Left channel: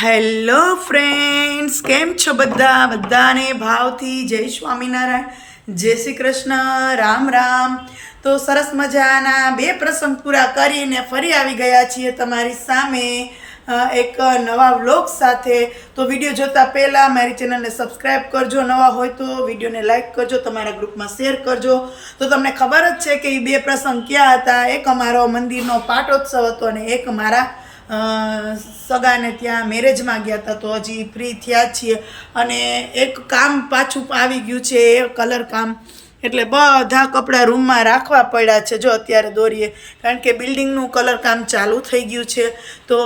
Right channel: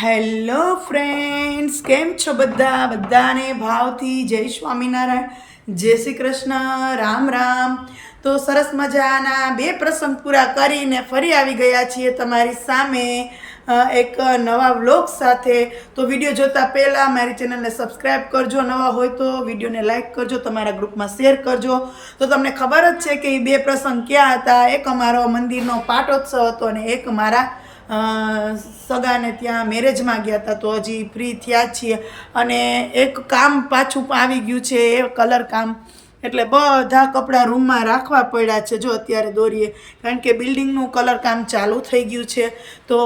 Hello friends, કેમ છો બધા? બધાને ભાવથી જય સ્વામિનારાયણ. જય શ્રી કૃષ્ણ. રામ રામ. તો સરસ મજાના બે પ્રસંગ પૂરા કરીને ફરી આવી ગયા છીએ તમારી સામે એક નવા વ્લોગ સાથે. તો વીડિયો જોતા પહેલાં મારી ચેનલને સબસ્ક્રાઈબ કરજો. નવા હોય તો વિડીયોને લાઇક કરજો, તમારા ગ્રુપમાં શેર કરજો. તો તમને ખબર જ છે કે એ બે પ્રસંગ ક્યાં હતા? એક અમારો મંદિરનો પાટોત્સવ હતો અને એક મારા સગાને ત્યાં મેરેજમાં ગયા હતા તો હજી ફ્રી થયા છીએ. અને એક કામ પાછું આવી ગયું છે, એ કલર કામ. એટલે બધા કપડાં રૂમમાં રાખવા પડ્યા છે, જો અત્યારે દોરીએ. કારણ કે બિલ્ડિંગનું કલર કામ ચાલુ થઈ ગયું છે. તો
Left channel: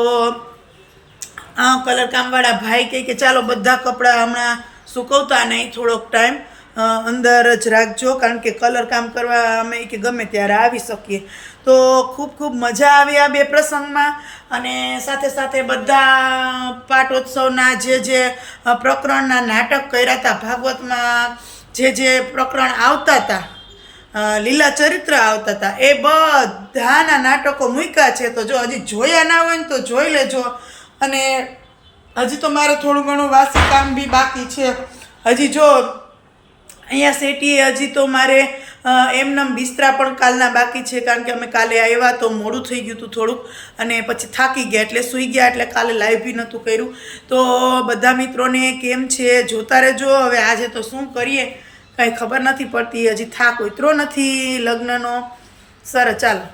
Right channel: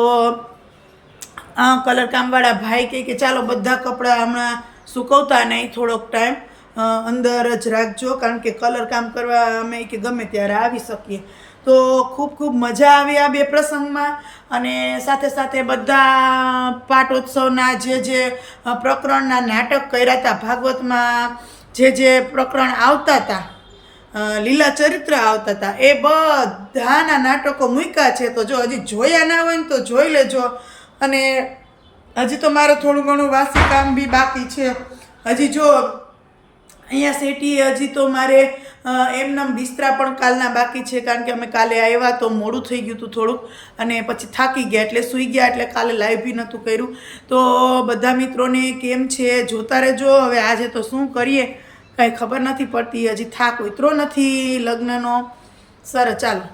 આ કલર કામવાળા ભાઈ કહે કે ચાલો બધા કપડાં હમણાં સુકવતા નહીં થોડોક ટાઈમ અંદર જ રાખજો, કારણ કે કલર કામ કરવા અમે કે ગમે ત્યારે આવી શકીએ. તો ખૂબ ખૂબ મજા આવી આ બે પ્રસંગમાં અને સાથે સાથે બધા પાટોત્સવના જે જે પ્રકરણના નાટક કર્યા હતા, ભાગવતમાં જે જે પ્રકરણ આવતા હતા લીલા ચરિત્ર આવતા હતા, એ બધાના નાટકો મૂક્યા છે. તો જો હજી જોયા ના હોય ને તો જોઈ લેજો. અને હજી તો મારે થોડું ઘણું વાસી કામ બી બાકી છે. હજી જો અહીંયા સેટીએ હજી તો મારે એમનેમ બિસ્તરા પણ કાલના બાકી છે કારણ કે અમે કાલે આવ્યા તો મોડું થઈ ગયું હતું થોડુંક અને પછી થાકી ગયા એટલે સૂઈ ગયા એટલે કાલે લાઈવ બી નહોતું કર્યું. તો બધા મિત્રોને કેમ છે? જોતા રહેજો. હવે આજે તો શું કરીએ? કાંઈ ખબર નથી પડતી. હજી થાક ઉતરો નથી લગ્નનો. સર, ચાલો.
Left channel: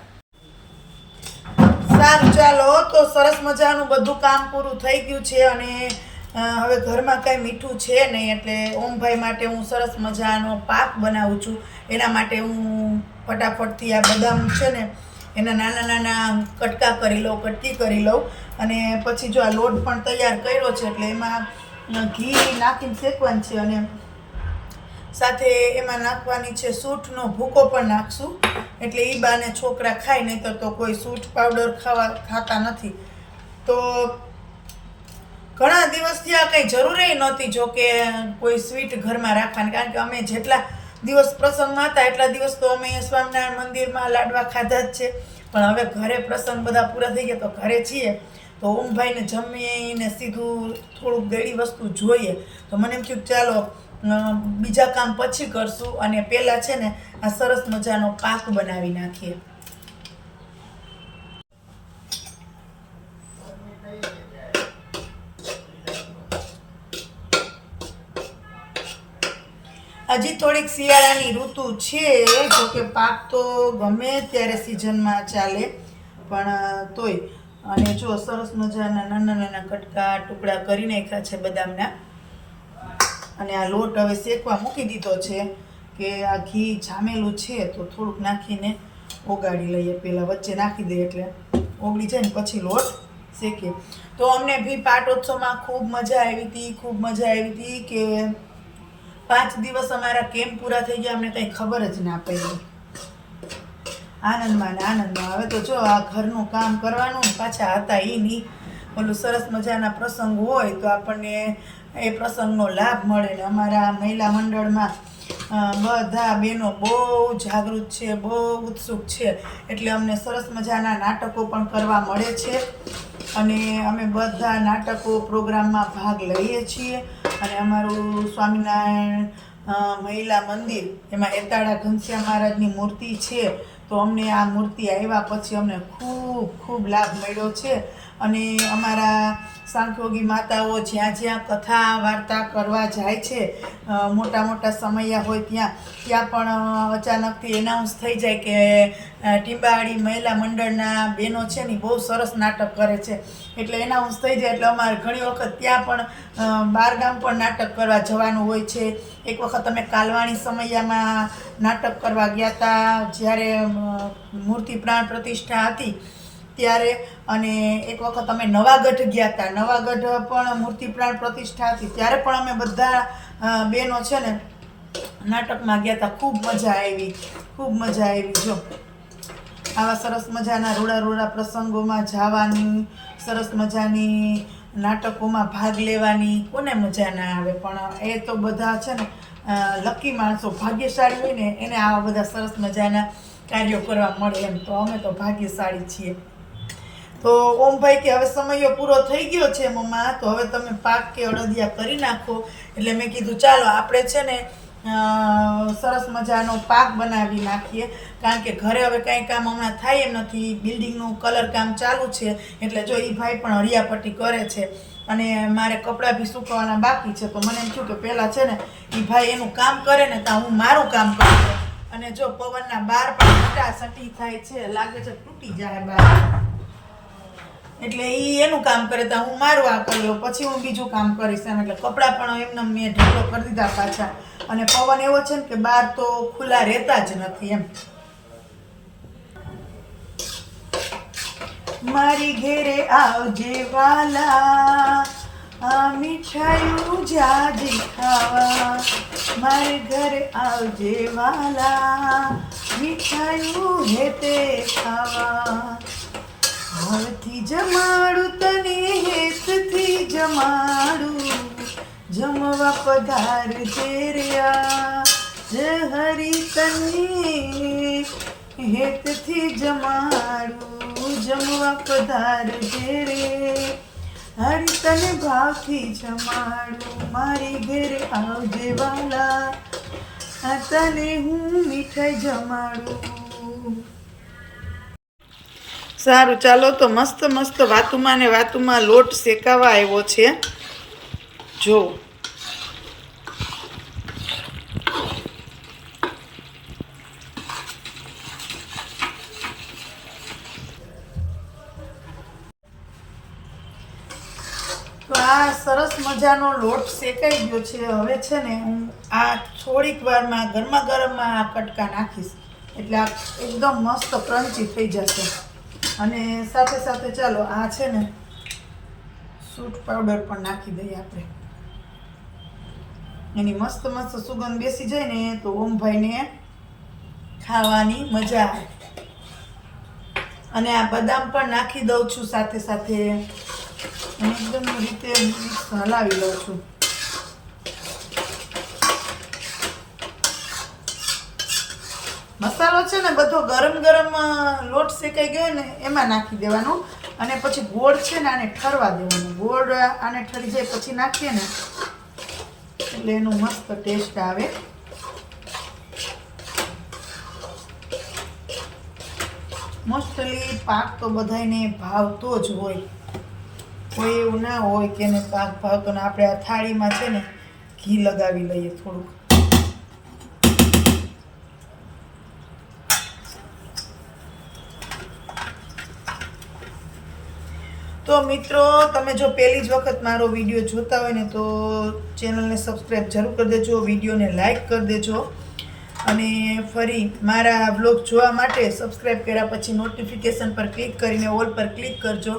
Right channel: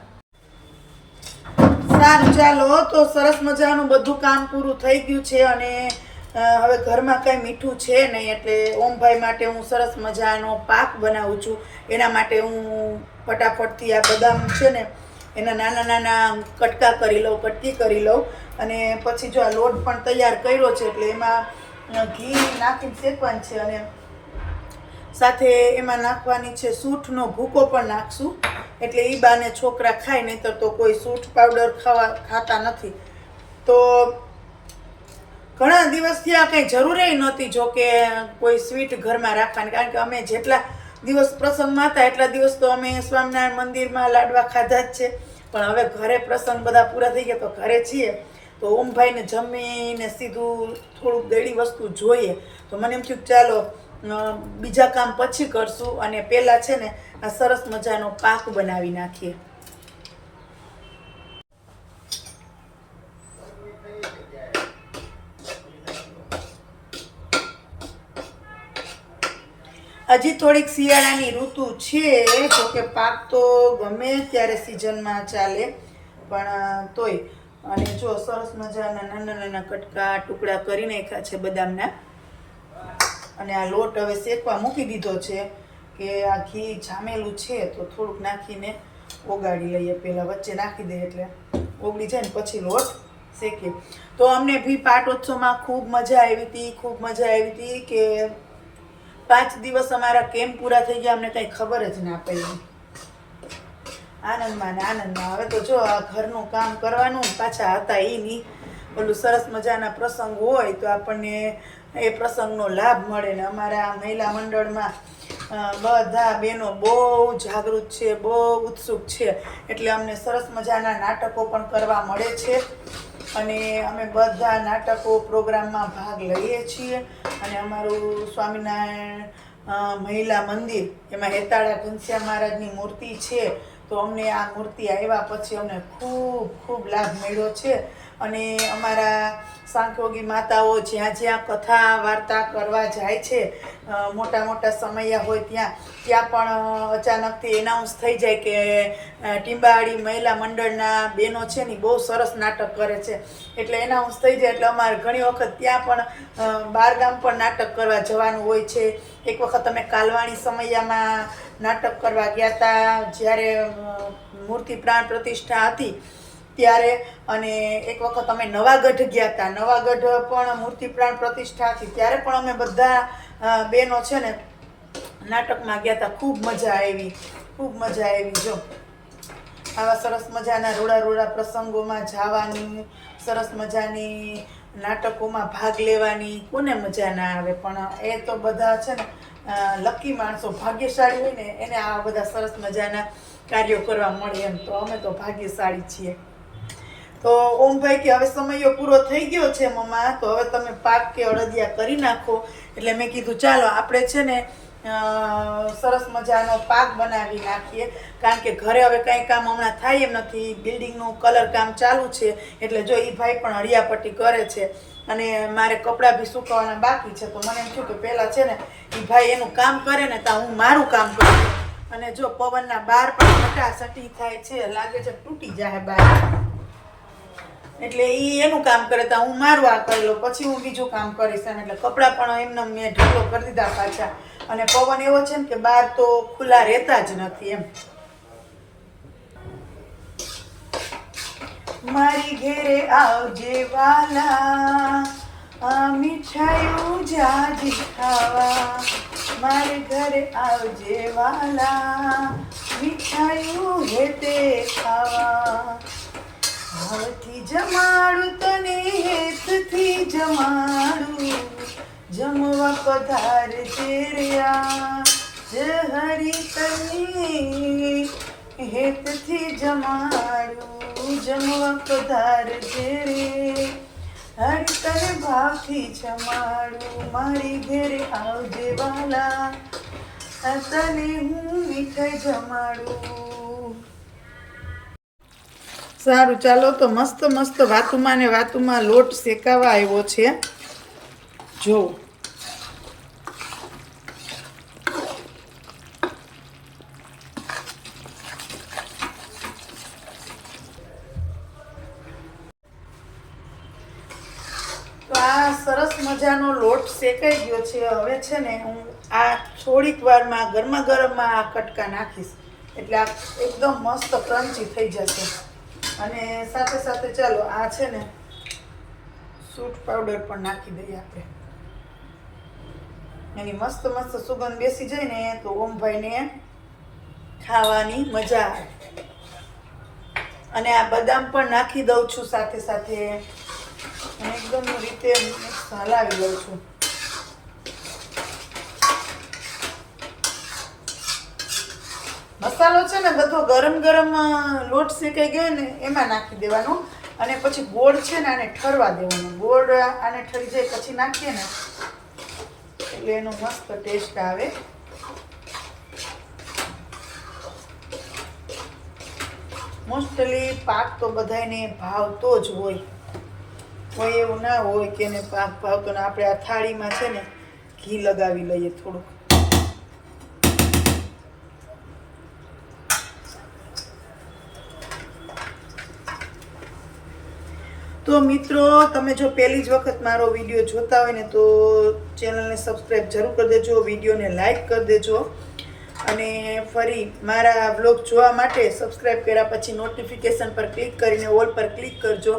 સારું, ચાલો. તો સરસ મજાનું બધું કામ પૂરું થઈ ગયું છે અને હવે ઘરમાં કંઈ મીઠું છે નહીં એટલે ઓમભાઈ માટે હું સરસ મજાનો પાક બનાવું છું. એના માટે હું ફટાફટથી આ બદામ છે ને, એના નાના નાના કટકા કરી લઉં, કટકી કરી લઉં. અને પછી જો આ લોટ પણ તૈયાર કર્યો છે એટલે એમાં ઘી નાખીને શેકવાનું છે અને સાથે એમાં નાખવાની છે સૂંઠનો ભૂકો પણ નાખશું. એટલે એ બાને છોકરા ખાય નહીંતર તો કોઈ સૂંઠ પાવડર ખાવા ખાતા નથી. તો ઘણા દિવસથી આ કંઈ જરૂરી નહોતી, જો કે કોઈ સ્વીટ ઘરમાં રાખવાની, કારણ કે અમે જેટલા દિવસ પ્રસંગમાં હતા, એટલા દિવસ તો અમે સ્વામિનારાયણ મંદિરમાં લાડવા ખાધા જ છે. પણ હવે ઘરે પ્રસંગ બધા પૂરા થઈ ગયા, તો ઘરે છીએ. તો ઓમભાઈને જમીને સીધું થોડુંક દેડી વસ્તુ જોઈએ. તો મને એમ થયું ચાલો બીજા કામ પછી કરશું. અને પહેલાં છે ને, આ સરસ મજાનો પાક બનાવી નાખીએ. હજી થોડીક શિયાળાની ઋતુ છે જો કે પાક તો ગમે ત્યારે સિઝનમાં ચાલે, પણ તોય. અને જો સરસ મજાના નાના નાના કટકા, ટુકડા કરી નાખ્યા છે બદામના. અને આ લોટ હવે શેકવા મૂકી દીધો છે કે આ ઘી જામેલું છે, તો થોડુંક નાખીને ઓગાળી લઈએ. પહેલાં વચ્ચે નાખી દઈએ એટલે ઓગળી જાય ને પછી લોટ શેકીએ. તો અમને ભી પાટોત્સવમાં ખૂબ મજા આવી હતી, ખૂબ મજા આવી હતી કે પાંચ દિવસ અમારા કેમ પૂરા થઈ ગયા, અમને કંઈ ખબર જ ના પડી. આનંદમાં ને આનંદમાં. હવે તો જો આ ઘરનું કામ કરવાનું, પાછા હતા એ નહીં. ઓલું સરસ મજાના પ્રસંગ હોય તો આપણને એ પ્રસંગનો લાભ મળે ને અમારા મહિલા મંડળમાં બધા બહેનો બહુ જાગૃત છે, બહુ ઉત્સુક છે. એટલે અમને સરસ મજાના નાટકો પણ કરવા મળે છે. અને અમે બધા નાટકો પ્રોગ્રામમાં ભાગ લઈએ છીએ. અને અમારું સ્વામિનારાયણ મહિલા મંદિર, એમાં એતાળા ઘનશ્યા મહારાજની મૂર્તિ છે. તો અમને આ મૂર્તિ આવ્યા પછી અમને ખૂબ ખૂબ લાભ મળ્યો છે. અને અમારા સાંખયોગી માતાઓ જ્યાં જ્યાં કથા, વાર્તા કરવા જાય છે મોટા મોટા સમયા હોય ત્યાં ત્યાં પણ અચાનકથી એનાઉન્સ થઈ જાય કે ટીંબાળી મહિલા મંડળના બહેનો છે ને બહુ સરસ નાટક કરે છે. એટલે એનાઉન્સ થઈ જાય એટલે અમારે ઘણી વખત ત્યાં પણ બારગામ પણ નાટક કરવા જવાનું હોય છે. એક વખત અમે કાલવાણી સમયામાં નાટક કરવા ગયા હતા જ્યારે મૂર્તિ પ્રાણ પ્રતિષ્ઠા હતી. ત્યારે અને એક વખત અમે નવાગઢ ગયા હતા નવાગઢ પણ મૂર્તિ પ્રાણ પ્રતિષ્ઠા હતી. ત્યારે પણ અમે બધા બહેનો છે ને, નાટકમાં ગયા હતા ખૂબ મજા આવી. ખૂબ મજા આવી. જો, આવા સરસ મજાના રોડા રોડા પ્રસંગોમાં જવાની, સરસ મજાની નાટકોમાં ભાગ લેવાની કોને મજા ના આવે? પણ એ તો બધા છે ને લકી માણસો ભાગ્યશાળી હોય ને, એને આવા બધા સરસ મજાના કાર્યો કરવા મળે એમ. તો અમે તો ભાગ્યશાળી છીએ. તો ઓમભાઈ કે હવે સમયો પૂરો થઈ ગયો છે મમ્મા, તો હવે તમે પાક કે અડદિયા કરી નાખો. એટલે મેં કીધું, ચાલો આપણે છે ને સરસ મજાનો પાક બનાવી નાખીએ. કારણ કે ઘરે હવે કંઈ કામ હમણાં થાય એમ નથી. બિલ્ડિંગનું કલર કામ ચાલુ છે. એટલે જો એ ભાઈ પણ હળિયાપટ્ટી કરે છે. અને મારે કપડાં બી સુકવાના બાકી છે. તો મને એમ થયું કે પહેલાં છે ને એ ભાઈ એનું કામ કરે ને ત્યાં હું મારું કામ કરું. અને જો પવનના બાર પણ સટી થાય છે, લાગે છે તૂટી જાય બાર. એટલે એ એનું કામ કરે તો હું મારું આ કરી લઉં. પછી હું બીજું કામ કરીશ એમ. એટલે કપડાં પણ એમને મેં ઢીલો કરી દીધા પાછા. અને પવન એવો છે ને કે બહાર તો ખુલ્લા રહેતા જ નથી એમ. મારી ઘેરે આવજે વાલા. આ મીઠાયું જાજી ખાવા. મારે ઘરે આવજે વાલા. મીઠાયું હેતે ખાવા. જમાડું તને હેતથી જમાડું. જમવા પધાર જેર્યા જ હરી તને હેતથી જમાડું. જમવા પધાર ચેરે હરી તને ભાવથી જમાડું. મારી ઘેરે આવજે વાલા. તને હું મીઠાઈ જમાડું. સારું, ચાલો તો મસ્ત મસ્ત વાતુમાં ને વાતુમાં લોટ શેકાવા આવ્યો છે. જો. સરસ મજાનો લોટ શેકાઈ ગયો છે. હવે છે ને હું આ થોડીક વારમાં ગરમા ગરમમાં આ કટકા નાખીશ. એટલે આ એકદમ મસ્ત ક્રન્ચી થઈ જશે. અને સાથે સાથે ચાલો, આ છે ને, સૂટ પાવડર પણ નાખી દઈએ આપણે. એની મસ્ત મસ્ત સુગંધ બેસી જાય ને, તો ઓમભાઈને ખાવાની મજા આવે. અને આ બદામ પણ નાખી દઉં છું સાથે સાથે. એકદમ રીતે મિક્સ હલાવી દઉં છું. મસાલો છે ને બધો ગરમ ગરમ લોટ શેકાઈ ગયો ને એમાં નાખી દેવાનું. અને પછી ગોળ છે ને આને ઠરવા દેવાનું. ગોળ આને ઠરી જાય પછી નાખીએ ને, એટલે એનો મસ્ત ટેસ્ટ આવે. મોસ્ટલી પાક તો બધાયને ભાવતો જ હોય. કોઈ એવું ના હોય કે એને પાક ભાવતો ને આપણે આ થાળીમાં છે ને ઘી લગાવી લઈએ થોડુંક. તો મિત્રો, તમે જો પહેલી જ વખત મારો વીડિયો જોતા હોય ને તો ચેનલને સબસ્ક્રાઈબ જરૂર કરી દેજો, વિડીયોને લાઈક કરી દેજો. અને ફરી મારા વ્લોગ જોવા માટે સબસ્ક્રાઈબ કર્યા પછી નોટિફિકેશન પર ક્લિક કરીને ઓલ પર ક્લિક કરજો,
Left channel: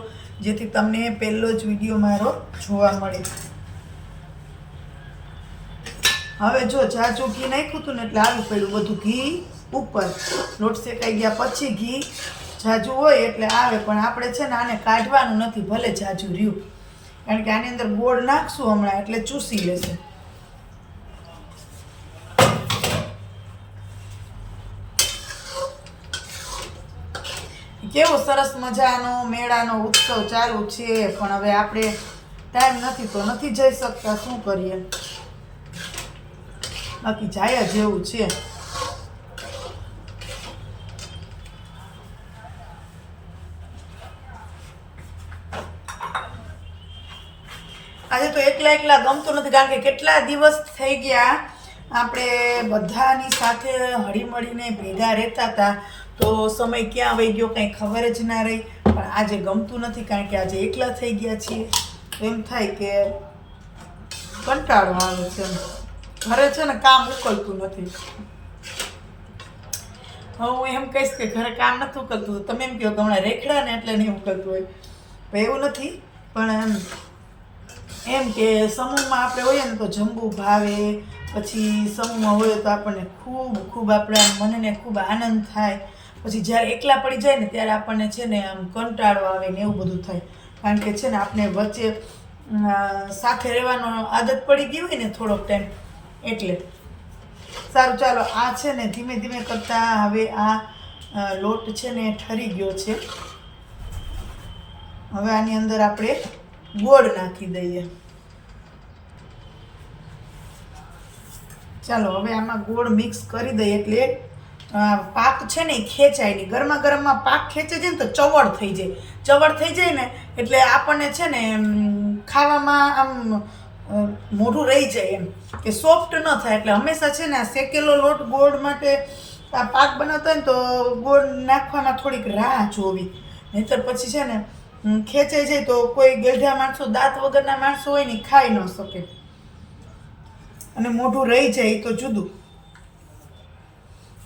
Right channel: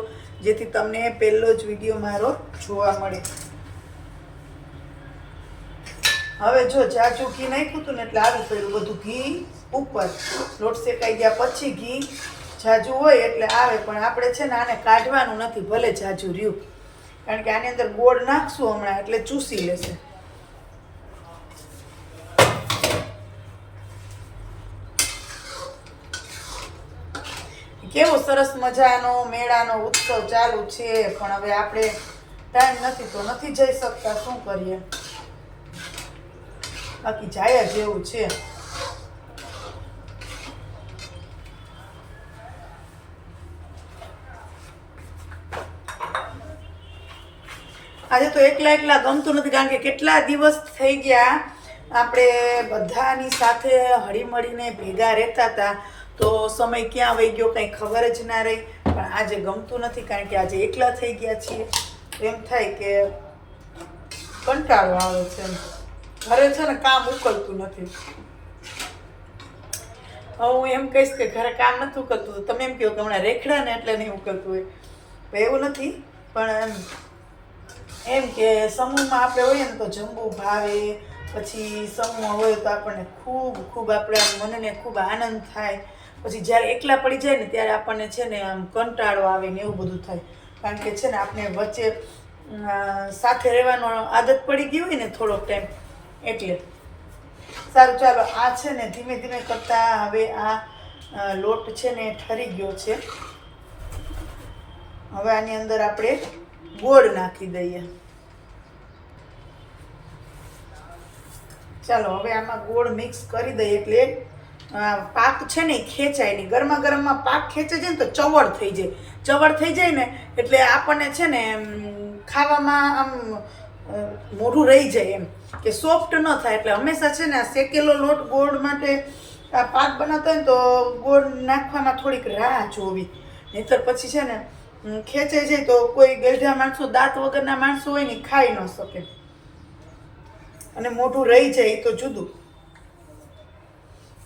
જેથી તમને પહેલો જ વીડિયો મારો જોવા મળે. હવે જો જાજુ ઘી નાખ્યું હતું ને એટલે આવી પડ્યું. બધું ઘી ઉપર. નોટ શેકાઈ ગયા પછી ઘી. જાજુ હોય એટલે આવે, પણ આપણે છે ને આને કાઢવાનું નથી, ભલે જાજુ રહ્યું. કારણ કે આની અંદર ગોળ નાખશું હમણાં, એટલે ચૂસી લેશે. કેવો સરસ મજાનો મેળાનો ઉત્સવ ચાલુ છે, પણ હવે આપણે ટાઈમ નથી, તો નથી જઈ શકતા, શું કરીએ? બાકી જાય જેવું છે આજે એકલા ગમતું નથી, કારણ કે કેટલા દિવસ થઈ ગયા આપણે બધાની સાથે હળીમળીને ભેગા રહેતા હતા. તો સમય ક્યાં વહી ગયો કંઈ ખબર જ ના રહી. પણ આજે ગમતું નથી, કારણ કે આજે એકલા થઈ ગયા છીએ. એમ થાય કે કંટાળો આવે છે ઘરે છે ને કામ ઉકલતું નથી. હવે હું એમ કહીશ કે ઘરે કામ નથી ઉકલતું તમે એમ કહો કે હમણાં રેખડા ને એટલે નહીં ઉકલતું હોય. એવું નથી, પણ એમ કે સમૂહમાં આપણે હોઈએ ને તો જમવું ભાવે, પછી સમૂહમાં હોય તો આપણને ખૂબ ખૂબ આપણા મનને ખૂબ આનંદ થાય. પછી જ્યારે એકલા પડી જાય ને ત્યારે આપણને છે ને આમ કંટાળો આવે ને એવું બધું થાય. કારણ કે છે ને આપણે વચ્ચે સાથે રહેવાનો આદત પડી ગઈ હોય ને થોડોક ટાઈમ એટલે. સારું, ચાલો, આ છે ને ધીમે ધીમે કરતાં હવે આ લોટ છે ને ઠરી ગયો છે. હવે આની અંદર આપણે ગોળ નાખી દઈએ. ચાલો, હવે આમાં ગોળ મિક્સ કરી દઈએ એટલે પાક છે ને એ ખેંચાય નહીં. ગરમા ગરમમાં પાક ખેંચે છે ને તો ચવડ થઈ જાય. ચવડ થઈ જાય ને એટલે આપણને છે ને ખાવામાં આમ મોઢું રહી જાય એમ કે સોફ્ટ ન થાય. એટલે હંમેશા છે ને શેકેલો લોટ ગોળ માટે આ પાક બનાવતો હોય ને તો ગોળ નાખવામાં થોડીક રાહ જોવી. નહીતર પછી છે ને હમ, છે તો કોઈ ગઢા માણસો દાંત વગરના માણસો હોય ને ખાઈ ન શકે. અને મોઢું રહી જાય તો જુદું.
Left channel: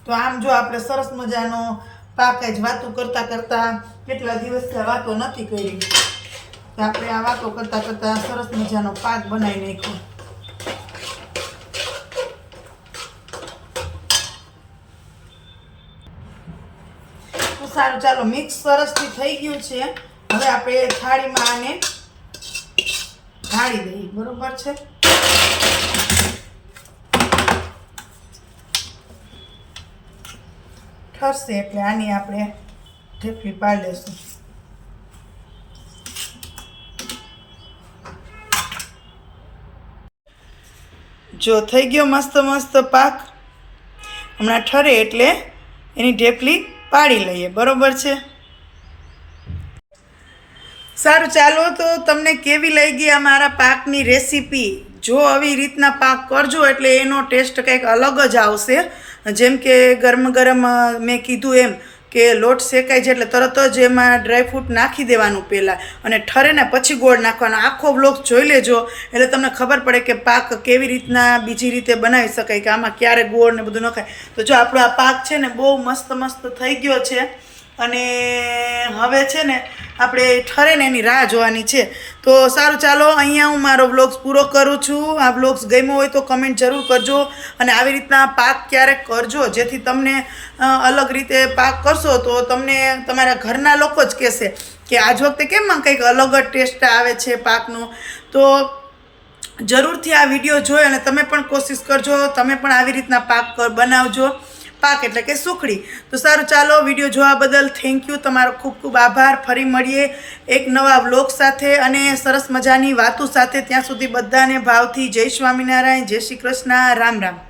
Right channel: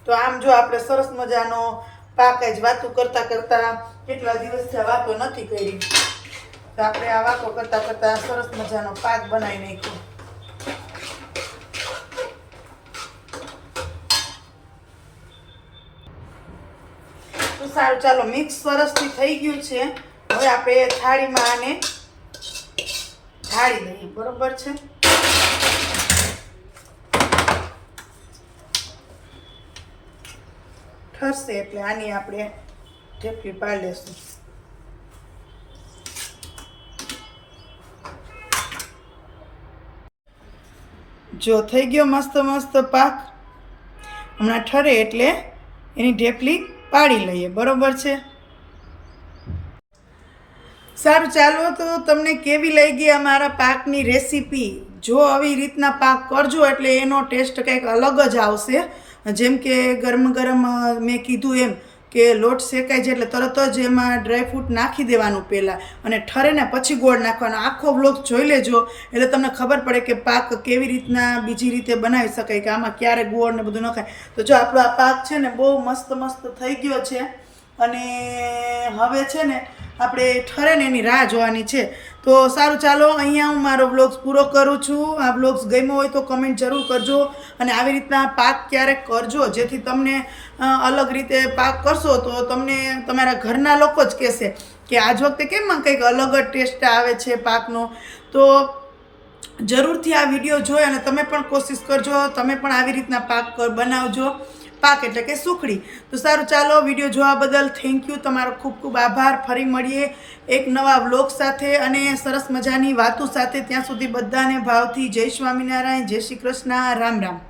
તો આમ જો આપણે સરસ મજાનો પાક જ વાતો કરતા કરતા કેટલા દિવસથી વાતો નથી કરી. તો આપણે આ વાતો કરતા કરતા સરસ મજાનો પાક બનાવી નાખ્યો. સારું ચાલો મિક્સ સરસથી થઈ ગયું છે. હવે આપણે થાળીમાં આને ઢાળી દઈએ. બરોબર છે? ઠરશે એટલે આની આપણે ઢેફલી પાડી લેશું. જો થઈ ગયો મસ્ત મસ્ત પાક. હમણાં ઠરે એટલે એની ઢેફલી પાડી લઈએ. બરોબર છે? સારું, ચાલો તો તમને કેવી લઈ આ મારા પાકની રેસીપી? જો આવી રીતના પાક કરજો એટલે એનો ટેસ્ટ કંઈક અલગ જ આવશે. જેમ કે ગરમ ગરમ મેં કીધું એમ કે લોટ શેકાય છે એટલે તરત જ એમાં ડ્રાયફ્રૂટ નાખી દેવાનું પહેલાં અને ઠરે ને પછી ગોળ નાખવાનો. આખો બ્લોક જોઈ લેજો એટલે તમને ખબર પડે કે પાક કેવી રીતના બીજી રીતે બનાવી શકાય, કે આમાં ક્યારે ગોળ ને બધું નખાય તો જો આપણો આ પાક છે ને બહુ મસ્ત મસ્ત થઈ ગયો છે. અને હવે છે ને આપણે ઠરે ને એની રાહ જોવાની છે. તો સારું, ચાલો અહીંયા હું મારો વ્લોગ્સ પૂરો કરું છું. આ વ્લોગ્સ ગમ્યો હોય તો કમેન્ટ જરૂર કરજો અને આવી રીતના પાક ક્યારેક કરજો, જેથી તમને અલગ રીતે પાક કરશો તો તમને તમારા ઘરના લોકો જ કહેશે કે આજ વખતે કેમ કંઈક અલગ જ ટેસ્ટ આવે છે પાકનો. તો જરૂરથી આ વીડિયો જોઈ અને તમે પણ કોશિશ કરજો, તમે પણ આવી રીતના પાક બનાવજો. પાક એટલે કે સુખડી. તો સારું, ચાલો વીડિયો જોવા બદલ થેન્ક યુ તમારો ખૂબ ખૂબ આભાર. ફરી મળીએ એક નવા વ્લોગ સાથે અને સરસ મજાની વાતો સાથે. ત્યાં સુધી બધાને ભાવથી જય સ્વામિનારાયણ, જય શ્રી કૃષ્ણ. રામ રામ.